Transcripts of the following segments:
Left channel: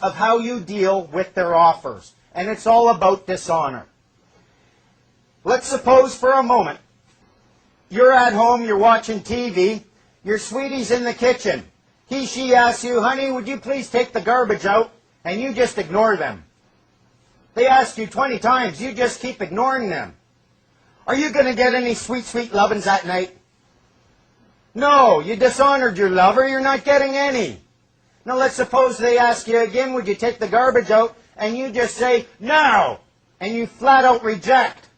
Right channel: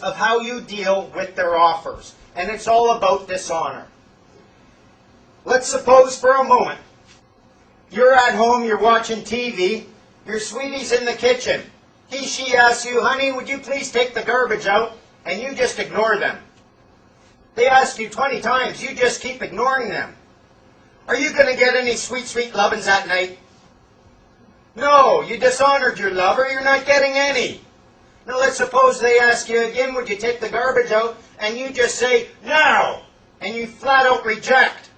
of how you deal with their offers. And it's all about dishonor. Let's suppose for a moment you're at home, you're watching TV, your sweetie's in the kitchen. She asks you, honey, would you please take the garbage out? And you just ignore them. They ask you 20 times, you just keep ignoring them. Are you going to get any sweet, sweet lovin's that night? No, you dishonored your lover, you're not getting any. Now let's suppose they ask you again, would you take the garbage out? And you just say, no! And you flat out reject.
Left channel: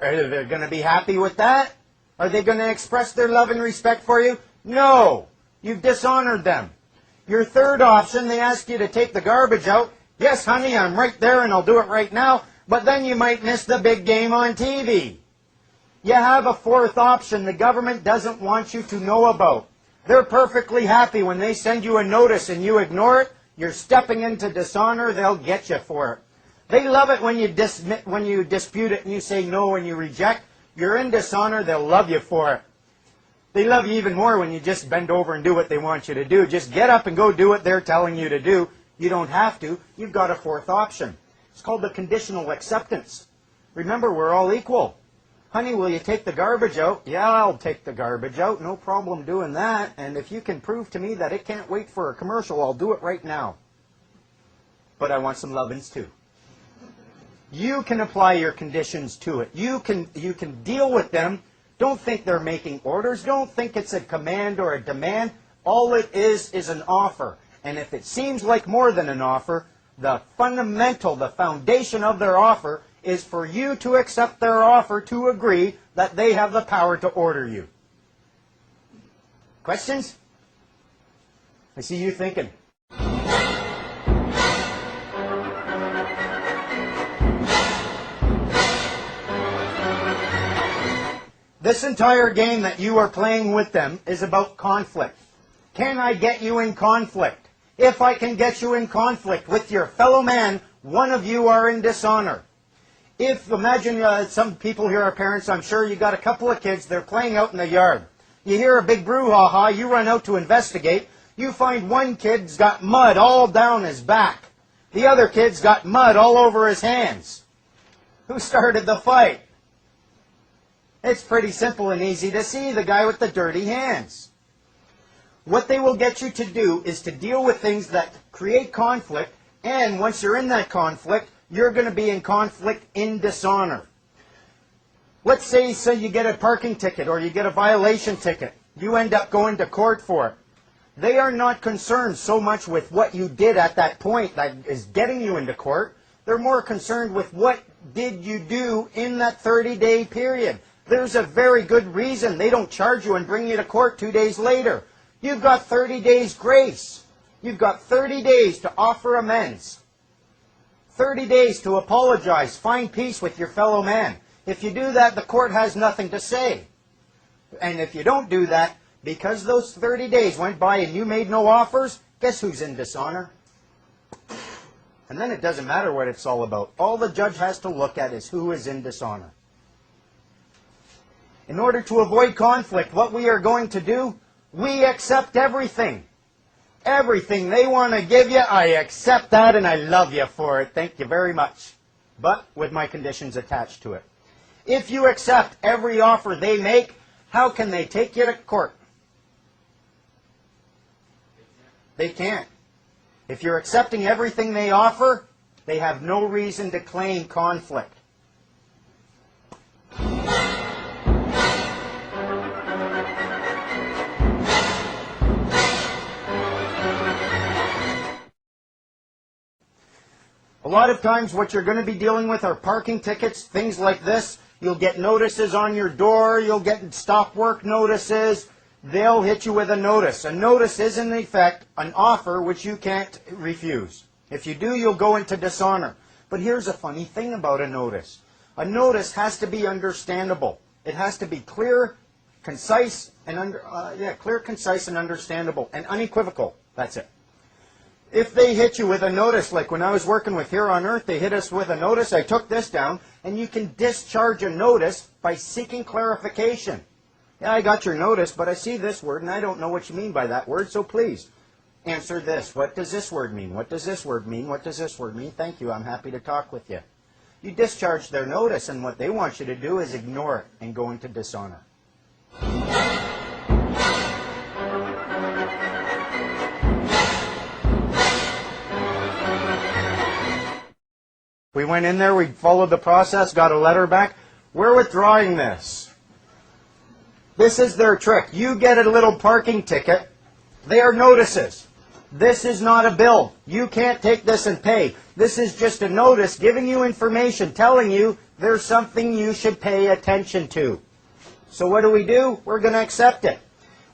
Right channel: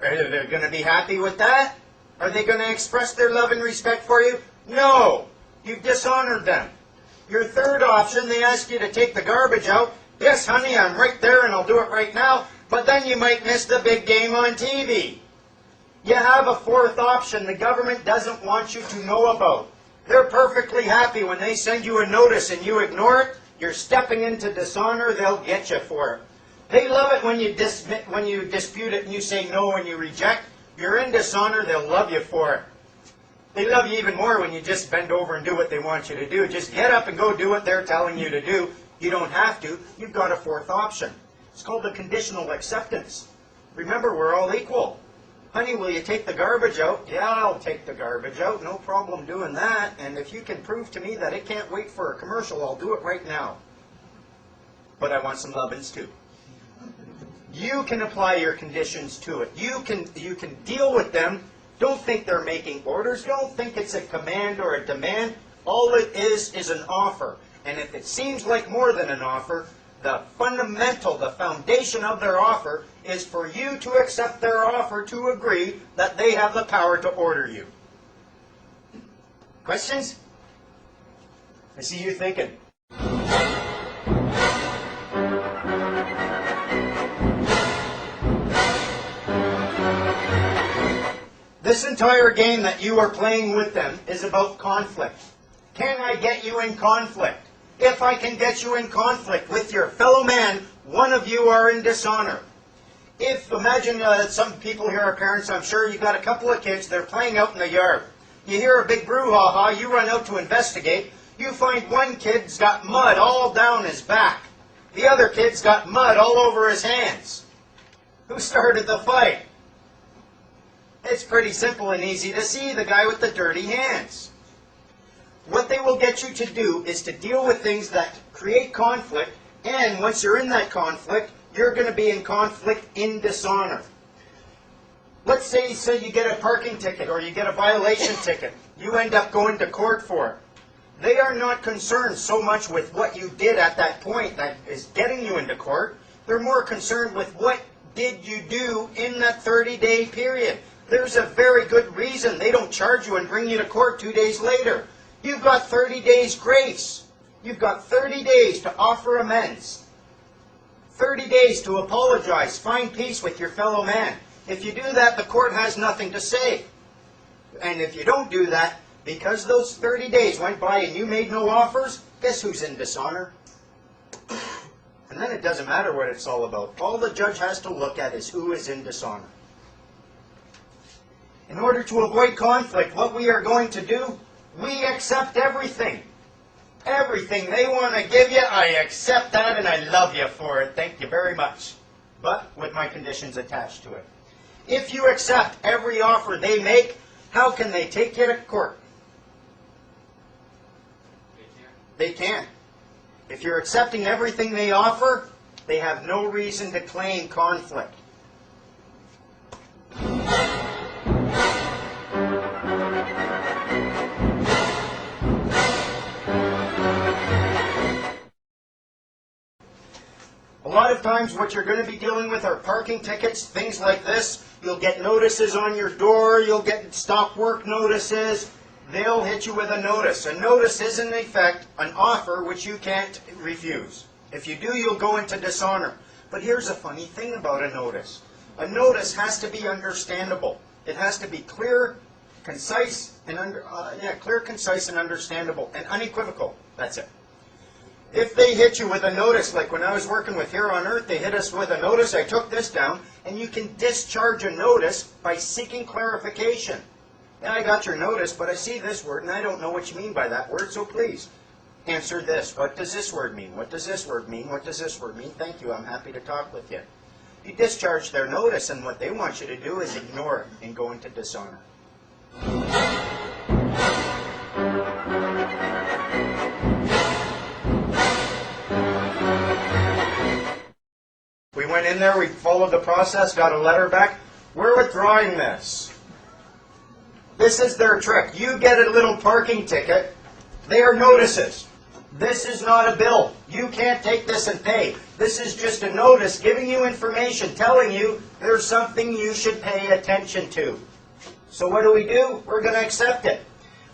Are they going to be happy with that? Are they going to express their love and respect for you? No! You've dishonored them. Your third option, they ask you to take the garbage out. Yes, honey, I'm right there and I'll do it right now. But then you might miss the big game on TV. You have a fourth option the government doesn't want you to know about. They're perfectly happy when they send you a notice and you ignore it. You're stepping into dishonor. They'll get you for it. They love it when you dispute it and you say no and you reject. You're in dishonor. They'll love you for it. They love you even more when you just bend over and do what they want you to do. Just get up and go do what they're telling you to do. You don't have to. You've got a fourth option. It's called the conditional acceptance. Remember, we're all equal. Honey, will you take the garbage out? Yeah, I'll take the garbage out. No problem doing that. And if you can prove to me that it can't wait for a commercial, I'll do it right now. But I want some lovin's too. You can apply your conditions to it. You can deal with them. Don't think they're making orders. Don't think it's a command or a demand. All it is an offer. And if it seems like more than an offer, the fundamental, the foundation of their offer is for you to accept their offer to agree that they have the power to order you. Questions? I see you thinking. This entire game that you are playing with them is about conflict. Can I get you in conflict? If I can get you in conflict with your fellow man, one of you are in dishonor. Imagine some people here are parents, I'm sure you got a couple of kids, they're playing out in the yard. You hear a big brouhaha, you run out to investigate. You find one kid's got mud all down his back. The other kid's got mud all over his hands. Who started the fight? It's pretty simple and easy to see, the guy with the dirty hands. What they will get you to do is to deal with things that create conflict, and once you're in that conflict, you're going to be in conflict in dishonor. Let's say you get a parking ticket or you get a violation ticket. You end up going to court for it. They are not concerned so much with what you did at that point that is getting you into court. They're more concerned with what did you do in that 30-day period. There's a very good reason they don't charge you and bring you to court 2 days later. You've got 30 days grace. You've got 30 days to offer amends. 30 days to apologize, find peace with your fellow man. If you do that, the court has nothing to say. And if you don't do that, because those 30 days went by and you made no offers, guess who's in dishonor? And then it doesn't matter what it's all about. All the judge has to look at is who is in dishonor. In order to avoid conflict, what we are going to do, we accept everything. Everything they want to give you, I accept that and I love you for it. Thank you very much. But with my conditions attached to it. If you accept every offer they make, how can they take you to court? They can't. If you're accepting everything they offer, they have no reason to claim conflict. A lot of times what you're going to be dealing with are parking tickets, things like this. You'll get notices on your door, you'll get stop work notices. They'll hit you with a notice. A notice is in effect an offer which you can't refuse. If you do, you'll go into dishonor. But here's a funny thing about a notice. A notice has to be understandable. It has to be clear, concise, and understandable, and unequivocal. That's it. If they hit you with a notice, like when I was working with Here on Earth, they hit us with a notice, I took this down, and you can discharge a notice by seeking clarification. Yeah, I got your notice, but I see this word, and I don't know what you mean by that word, so please, answer this. What does this word mean? What does this word mean? What does this word mean? Thank you, I'm happy to talk with you. You discharge their notice, and what they want you to do is ignore it and go into dishonor. We went in there, we followed the process, got a letter back. We're withdrawing this. This is their trick. You get a little parking ticket. They are notices. This is not a bill. You can't take this and pay. This is just a notice giving you information, telling you there's something you should pay attention to. So what do? We're going to accept it.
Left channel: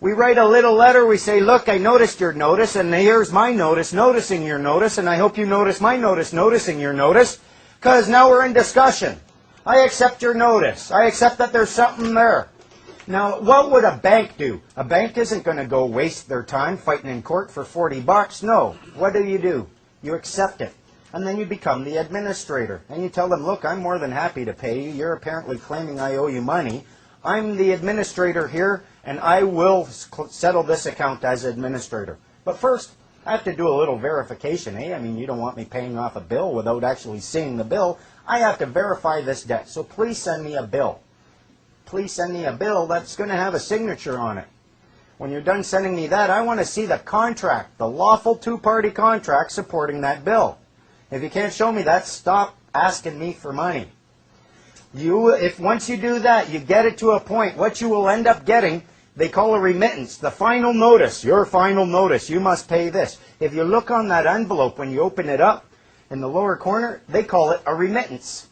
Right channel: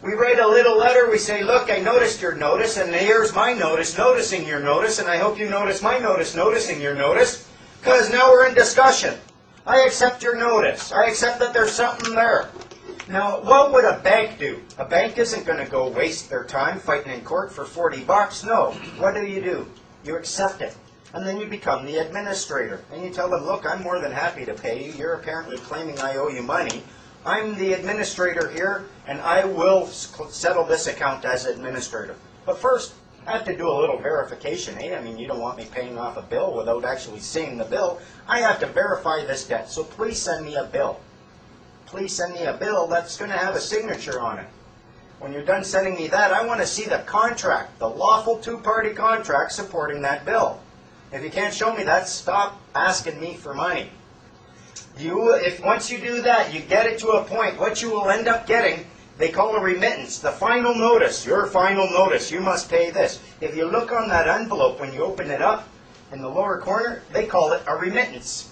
We write a little letter. We say, look, I noticed your notice, and here's my notice noticing your notice, and I hope you notice my notice noticing your notice, because now we're in discussion. I accept your notice. I accept that there's something there. Now, what would a bank do? A bank isn't going to go waste their time fighting in court for 40 bucks. No. What do? You accept it. And then you become the administrator. And you tell them, look, I'm more than happy to pay you. You're apparently claiming I owe you money. I'm the administrator here, and I will settle this account as administrator. But first, I have to do a little verification, eh? I mean, you don't want me paying off a bill without actually seeing the bill. I have to verify this debt. So please send me a bill. Please send me a bill that's going to have a signature on it. When you're done sending me that, I want to see the contract, the lawful two-party contract supporting that bill. If you can't show me that, stop asking me for money. If once you do that, you get it to a point, what you will end up getting, they call a remittance, the final notice, your final notice, you must pay this. If you look on that envelope when you open it up in the lower corner, they call it a remittance.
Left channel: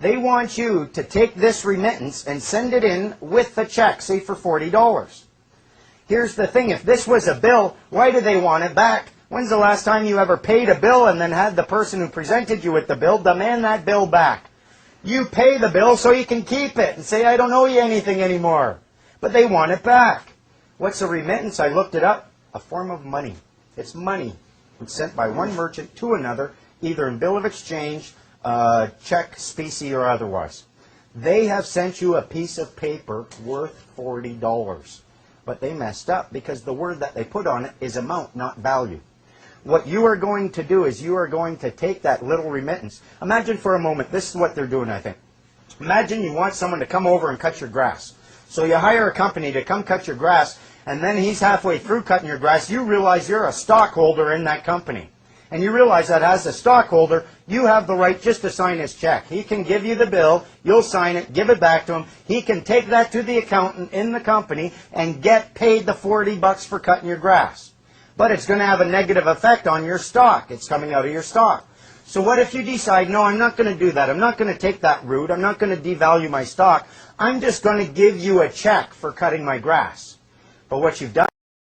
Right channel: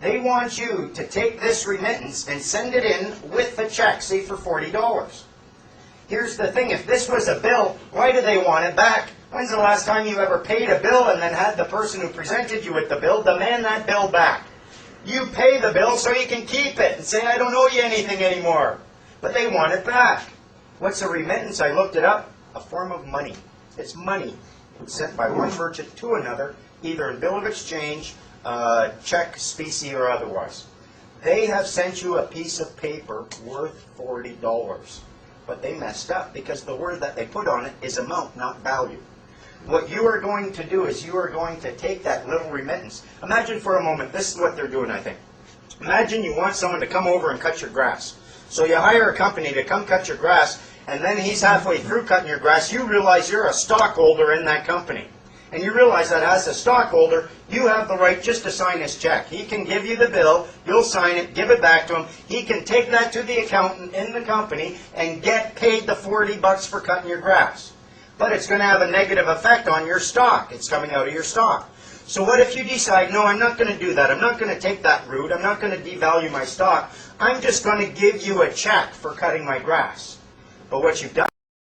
They want you to take this remittance and send it in with the check, say for $40. Here's the thing, if this was a bill, why do they want it back? When's the last time you ever paid a bill and then had the person who presented you with the bill demand that bill back? You pay the bill so you can keep it and say, I don't owe you anything anymore. But they want it back. What's a remittance? I looked it up. A form of money. It's money. It's sent by one merchant to another, either in bill of exchange, check, specie, or otherwise. They have sent you a piece of paper worth $40. But they messed up because the word that they put on it is amount, not value. What you are going to do is you are going to take that little remittance. Imagine for a moment, this is what they're doing, I think. Imagine you want someone to come over and cut your grass. So you hire a company to come cut your grass, and then he's halfway through cutting your grass. You realize you're a stockholder in that company. And you realize that as a stockholder, you have the right just to sign his check. He can give you the bill, you'll sign it, give it back to him. He can take that to the accountant in the company and get paid the $40 for cutting your grass. But it's going to have a negative effect on your stock. It's coming out of your stock. So what if you decide, no, I'm not going to do that. I'm not going to take that route. I'm not going to devalue my stock. I'm just going to give you a check for cutting my grass. But what you've done